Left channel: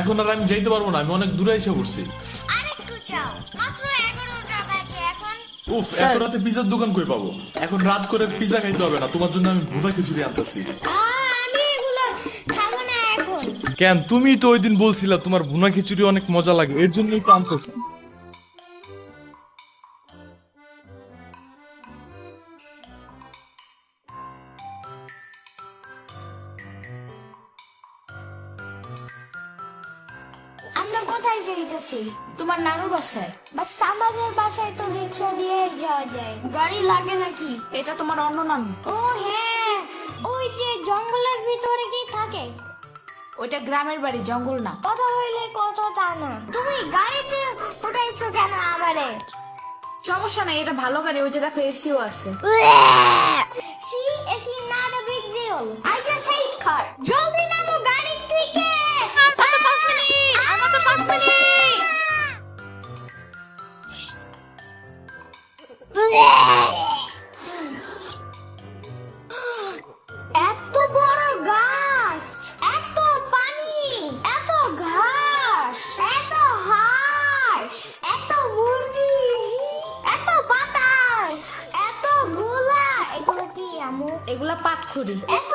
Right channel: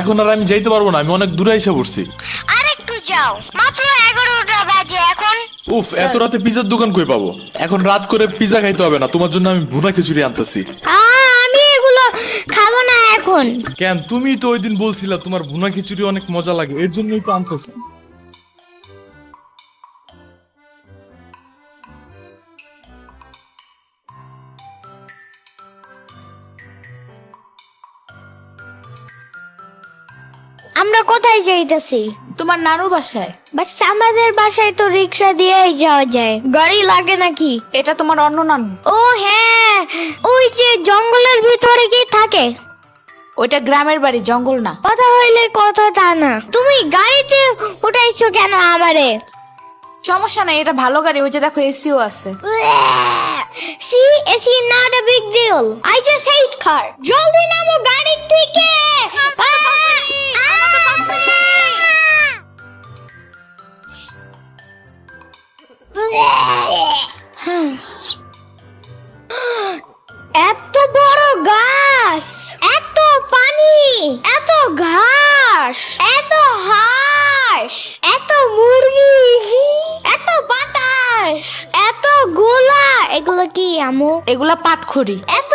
এখন আর আমি যাইতে পারবো না, আমি অনেক দূরে এসে পড়ছি। আরেকটু যাও, মাত্র 11টা বাজে এখন। উফ, এত রাতে পিজার দোকান কই পাবো? এখন রাত করে পিজা খাইতে হবে না, তোমার জন্য আমি ভুনা খিচুড়ি আনতেছি। আমি এগুলো খাবো না এখন। কেন? তুমি তো ওই দিন বলছিলা তোমার ভুনা খিচুড়ি অনেক মজা লাগে, এর জন্যই তো আনতেছি। আমরা কোথায় যাইতেছি? তোমার নানুর বাসায়। বাট আমাদের বাসায় তো রিক্সা দিয়েই যাওয়া যায়, গাড়ি লাগে নাকি? এটা তোমার অন্য নানু। ও হ্যাঁ, ওই যে জঙ্গলের ভিতরে কি থাকে? ওইটা গ্রামের বাড়ি, জঙ্গল না। কথা হইলে কথা তা না, তুমি গাড়িতে উঠাইছো কেন আমারে? সমস্যা নাই, এটা ভালো গাড়ি, ওই যে দেখো এসিও আছে। See, it's not a big deal. I just hate car. জলদি নামো গাড়ি থেকে। এত বড় গাছ, এত পানি, এত ঘাস, এত হাঁস, এত মুরগি, এত বাতাস, এত গোলা। এগুলো কি আমু? এগুলা পাটখড়ি। এত